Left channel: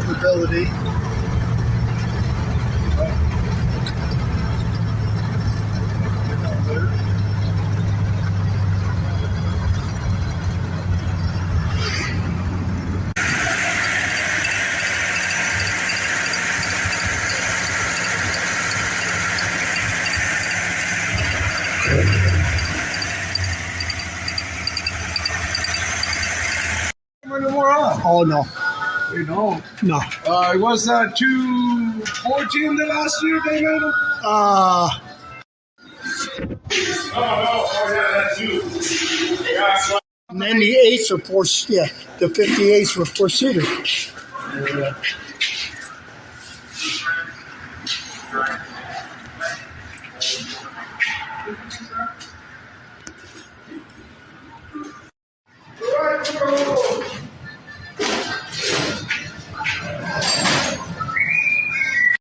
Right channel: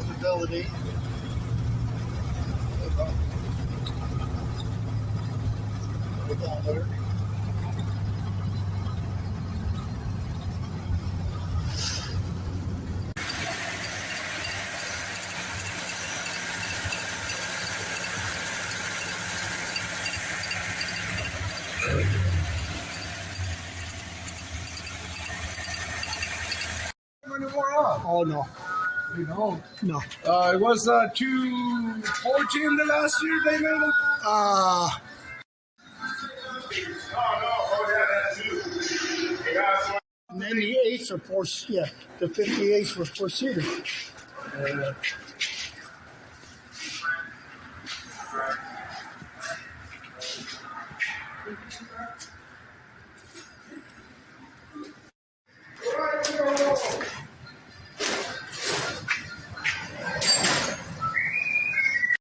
drivability. Odometer. More off. Oh no, You know, no. it was 214 the last year, David. Uh, Oh yeah, that's you. Yeah, 98s are four. Yeah, the 58s were four-seater. so